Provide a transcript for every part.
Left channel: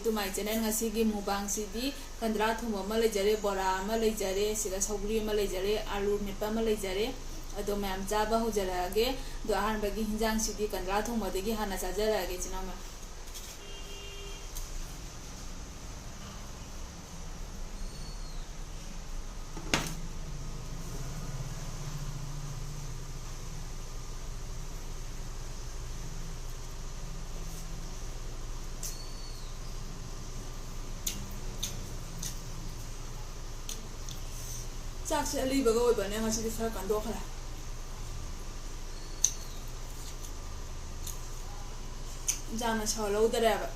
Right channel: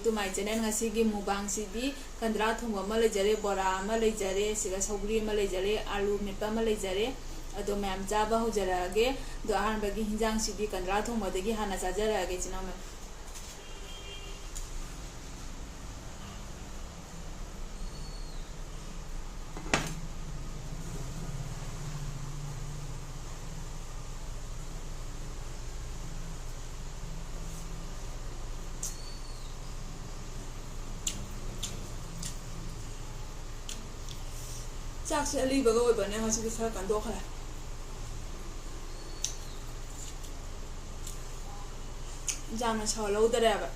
Back to my channel की मुबांग सिदी कंद्रा थोंबा लेजरे बोरा लेजरे सौगरी लेजरे आलू मेपा लेजरे अदो मैम चाबा हौजरगे दो अहमदी हिंजांग सिदी कंद्रा थोंबदगी हाना चाजरगे चिना मैम चाकसे अलीबगा ओइबने ngasi खरा कंदोखला जाना छलौदरेबा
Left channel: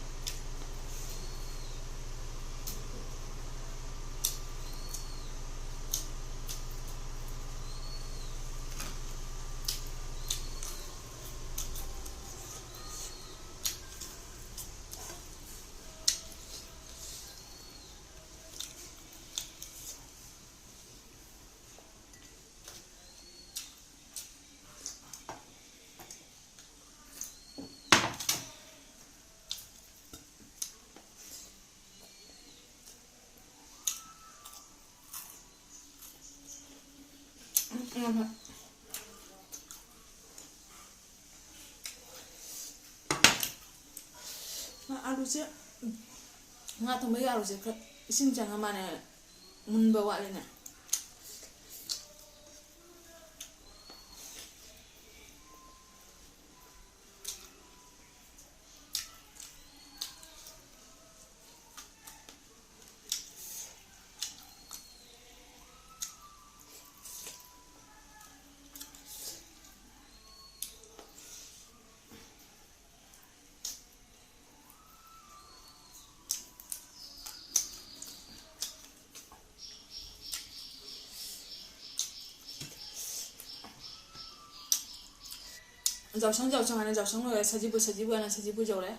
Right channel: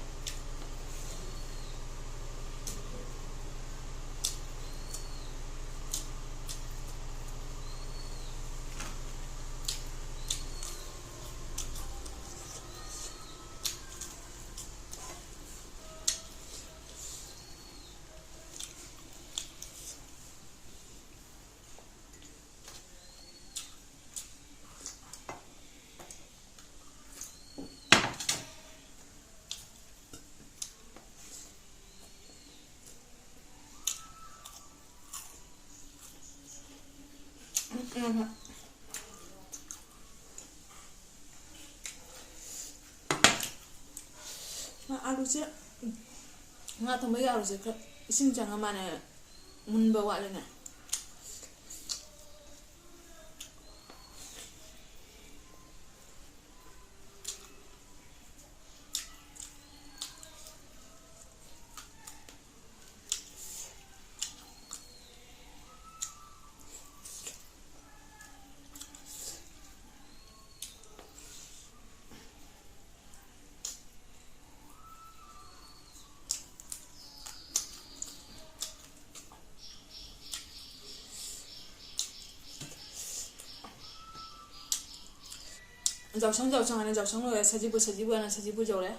आलूसे nga thongbai आलूसे इसिंग चंगा माने मुनबा वालेना जावsang 하는 जावsang 사지부 하는 사지부 저래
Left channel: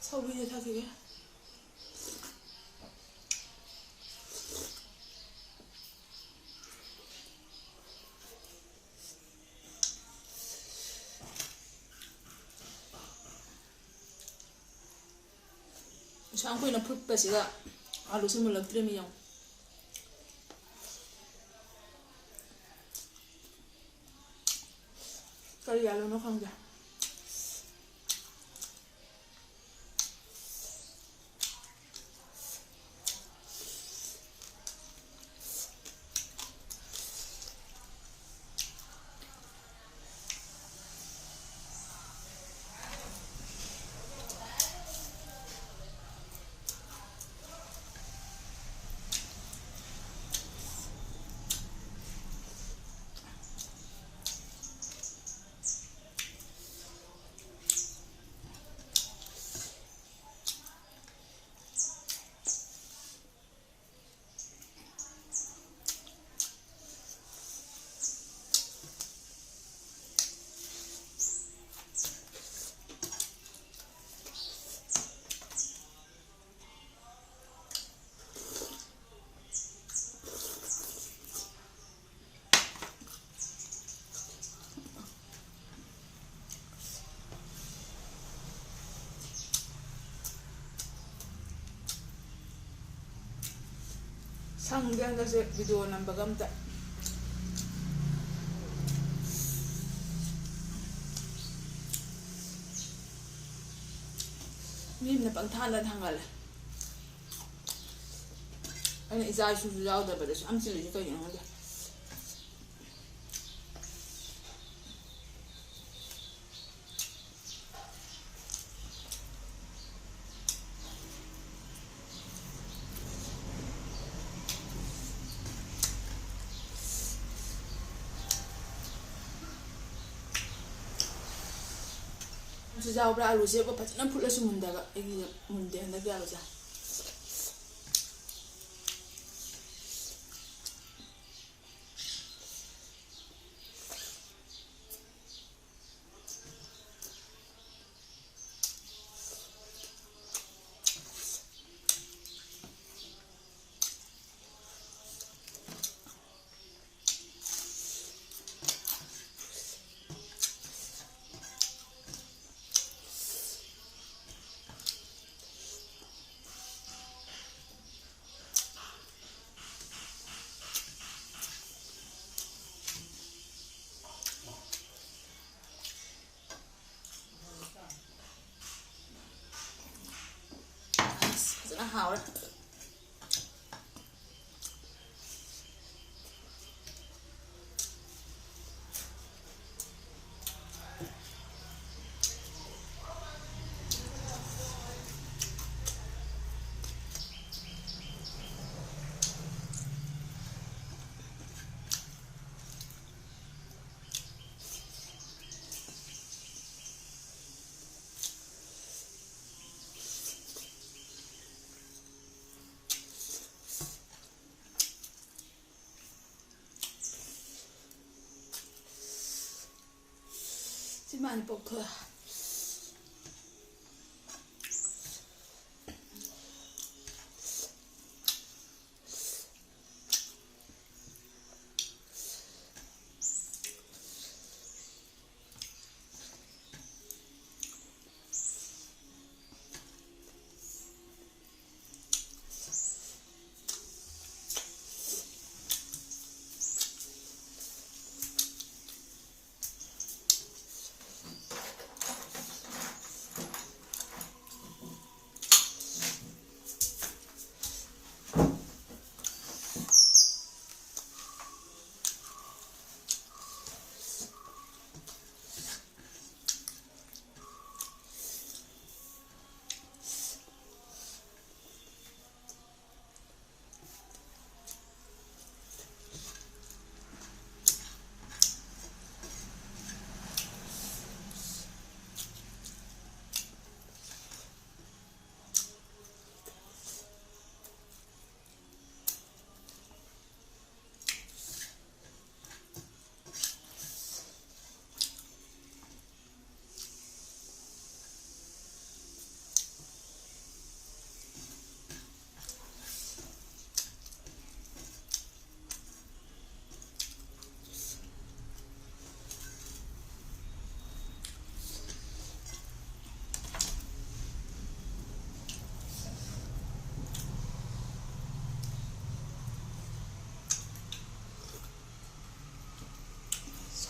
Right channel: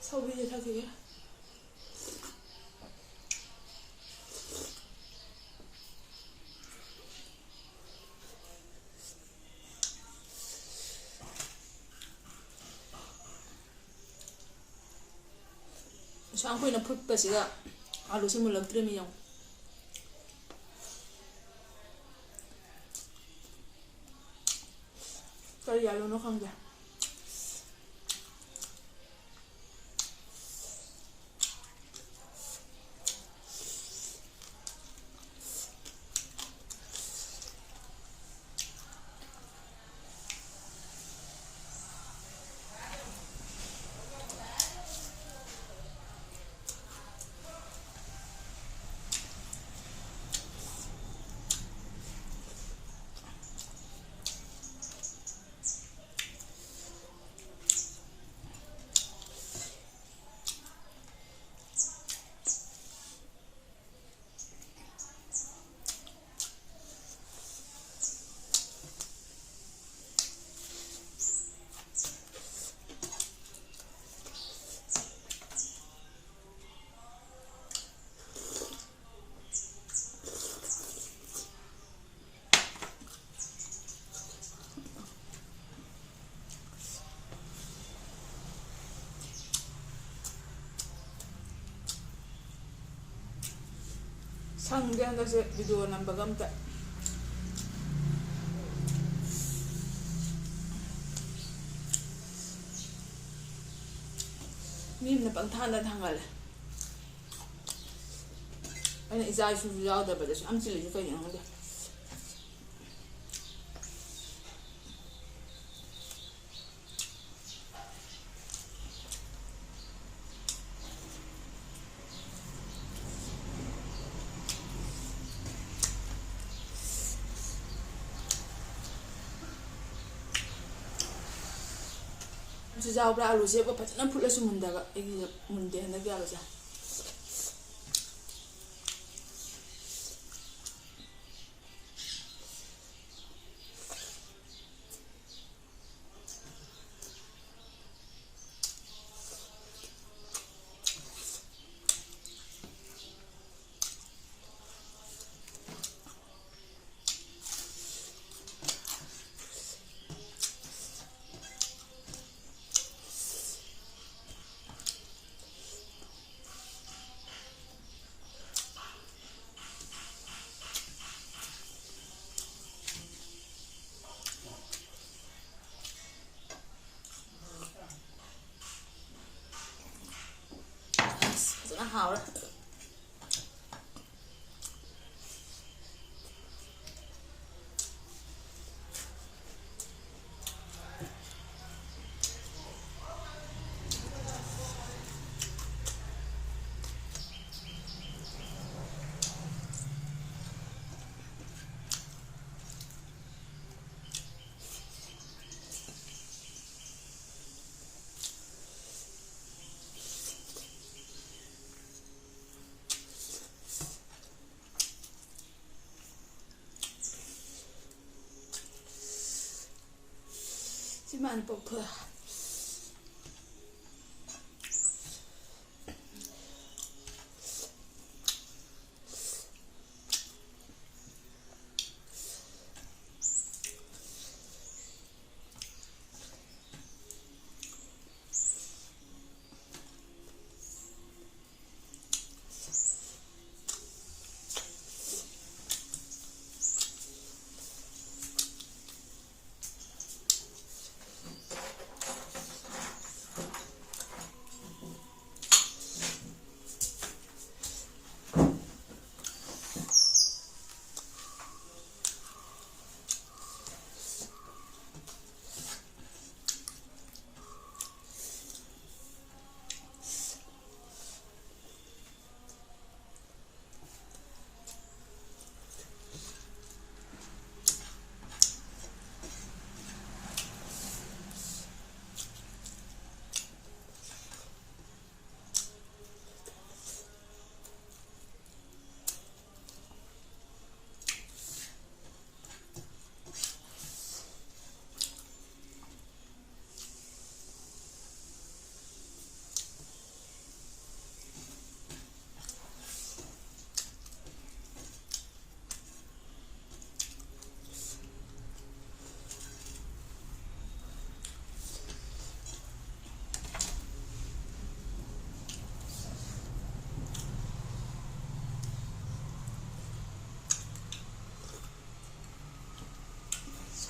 서비스 타기게 샹코이나 풀빠시가 아루스 물럭드레미용 까리 알로노 강자 상대 한다서 비디오 남바감다 밈나 빵타나 당갈래 아니 이자이 수수 야우다 버려서 암질을 이거 영한데 주자오브라 알루제 뭐 파트나 풀려서 문다가 이게 문대 한다게 알루자 haure 많이 뽑고요.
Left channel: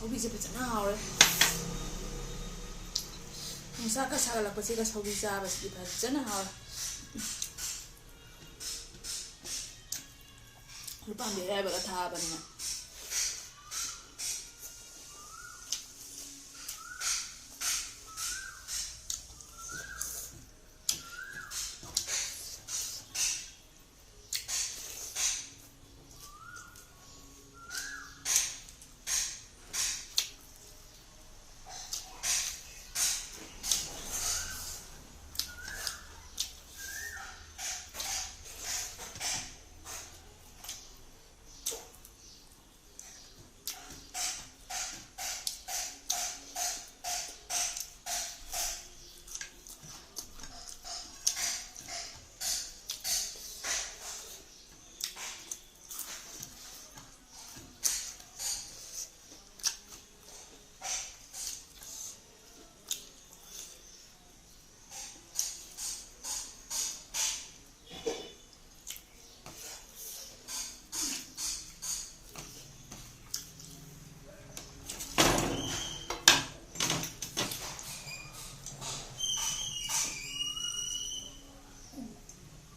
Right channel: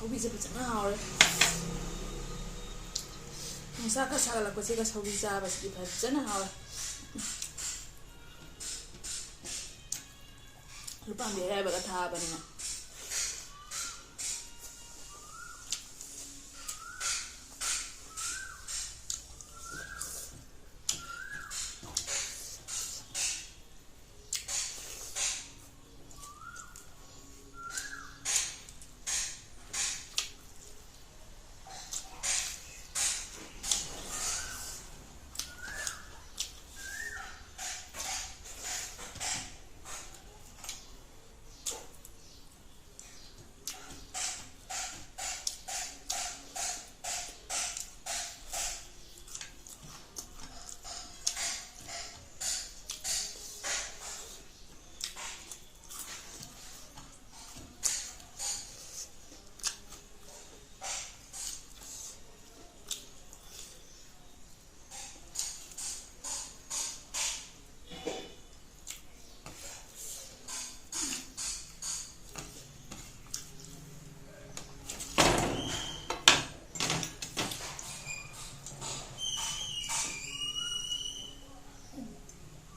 서비스 fazana haure nusa sagalakpasiga saubi chabasidi fazana haure lupambi ayaibaga thabanina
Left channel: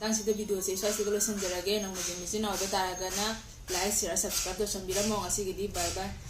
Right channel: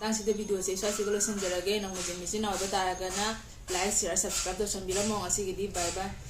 당시의 비디오에 사실로 선절하게 너무 재밌는 어떤 다양한 like, share, subscribe 도 준비를 뭐 하시기디 바이바이.